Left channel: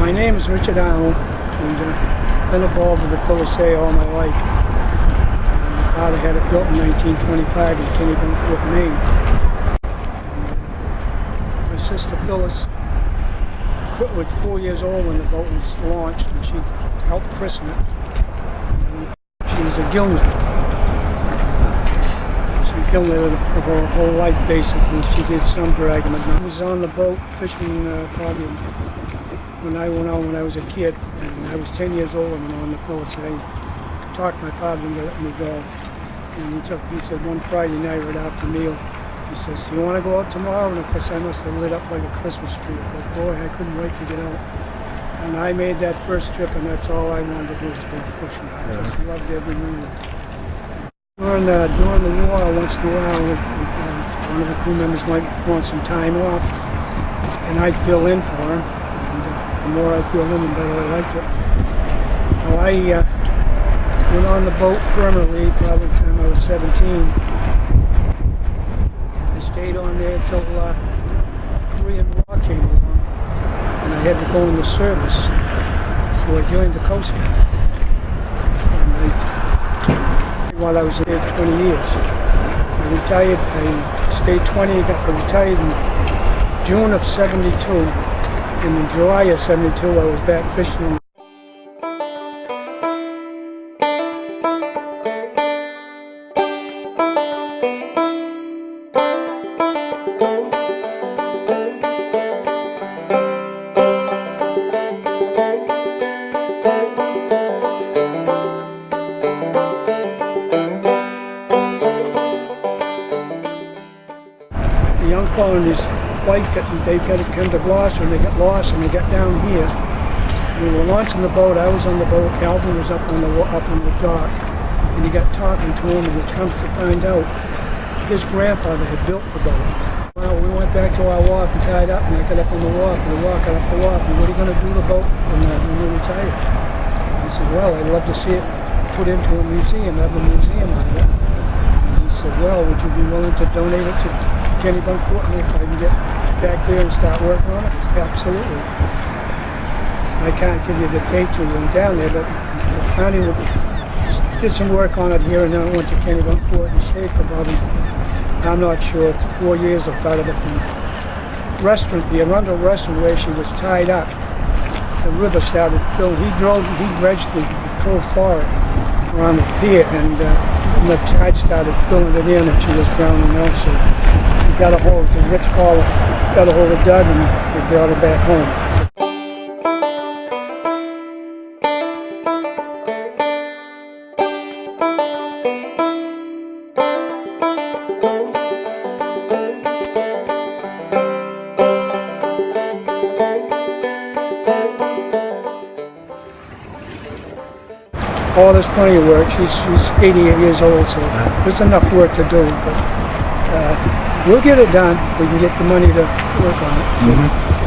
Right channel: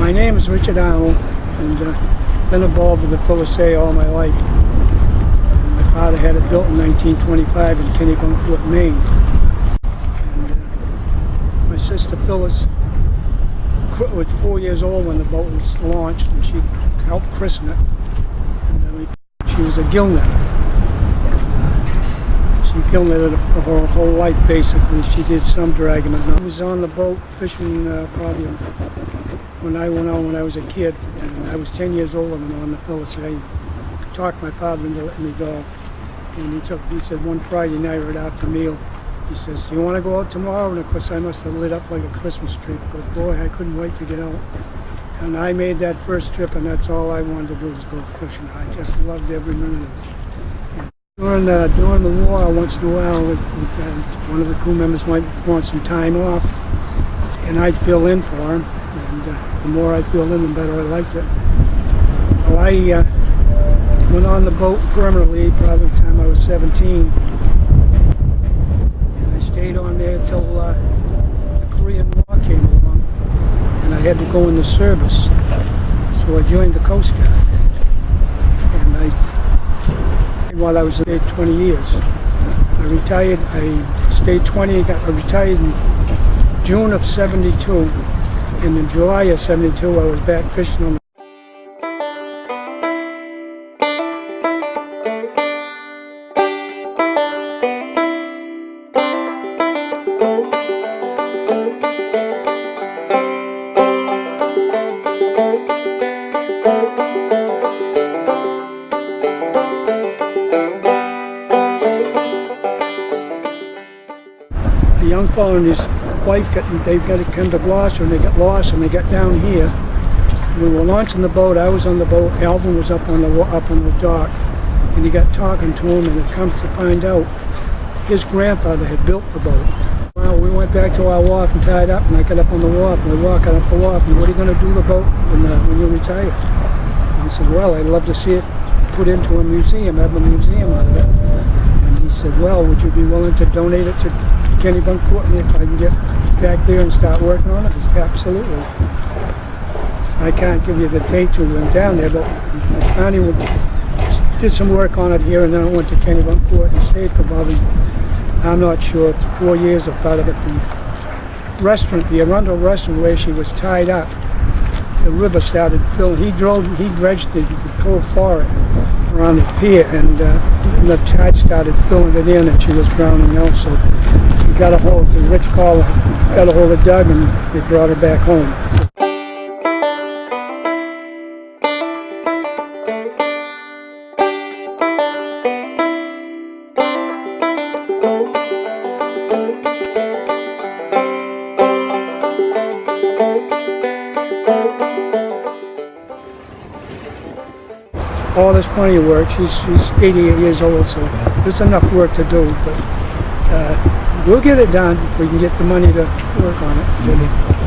My name is Richard Arnold, and been involved with the Phyllis A all my life. And my father had it built in 1925 in Kennebunkport, Maine. And my sister Phyllis was 4 years old when the boat was launched, and she helped christen it. And she was a gill-netter. She gill-netted her whole life, basically. She did some dragging, but I was on the boat fishing probably when I went on when I was a kid, and I was 10 years old when I went on the Phyllis A. Talked my father into letting me go, and he said one Friday night right after meal, he says, "You want to go out tomorrow?" And of course I must have lit up like a Christmas tree, but boy, I couldn't wait to get out. And I made that first trip, and that's all I wanted to do was go fishing. I just loved every minute of it. During the war, once in a while, one of the crew members might want some time off, and I'd fill in for him. And the more I filled in, the better I liked it. Well, I went on the boat permanently probably the time I was 17. And I stayed on there until the Korean War came along, and I had to go in the service. So I joined the Coast Guard. And while I was there 20 years. I retired, I stayed 20, I retired in June of 72, and in July of 72 I was back fishing on the young fellow and his wife they've got to come to Gloucester, and they got lost and they got down here. We were launching the boat. I was on the boat. Alvin was up on the dock, and he got talking to him, and it comes to find out his grandfather had built the boat. Well, we went back to our wharf and tied up, and I got up on the wharf, and we're walking up the wharf, and what are you going to do the boat when you retire? And I said, well, I'd love to see it put into a museum, have a museum out of it. And he said, well, would you be willing to donate it to Kennebunkport, and if I can get back there and start working on it? I said, absolutely. I can't give you the dates we went down there, but finally we did some work on it here, and then I went to Kennebunkport and stayed for probably, I'm not sure, 4 years or part of it. The restaurant, the Arundel restaurant where she was tied up, the river started filling. He dredged the cove for it around the pier, and the tide started filling it in, and she was drowning out. So he got a hold, the rich caller got a hold of Doug, and they brought her back home. Oh, there's plenty of work. She's 88 years old, so there's enough work to do, but we'll get it done if we can get the money to work on it.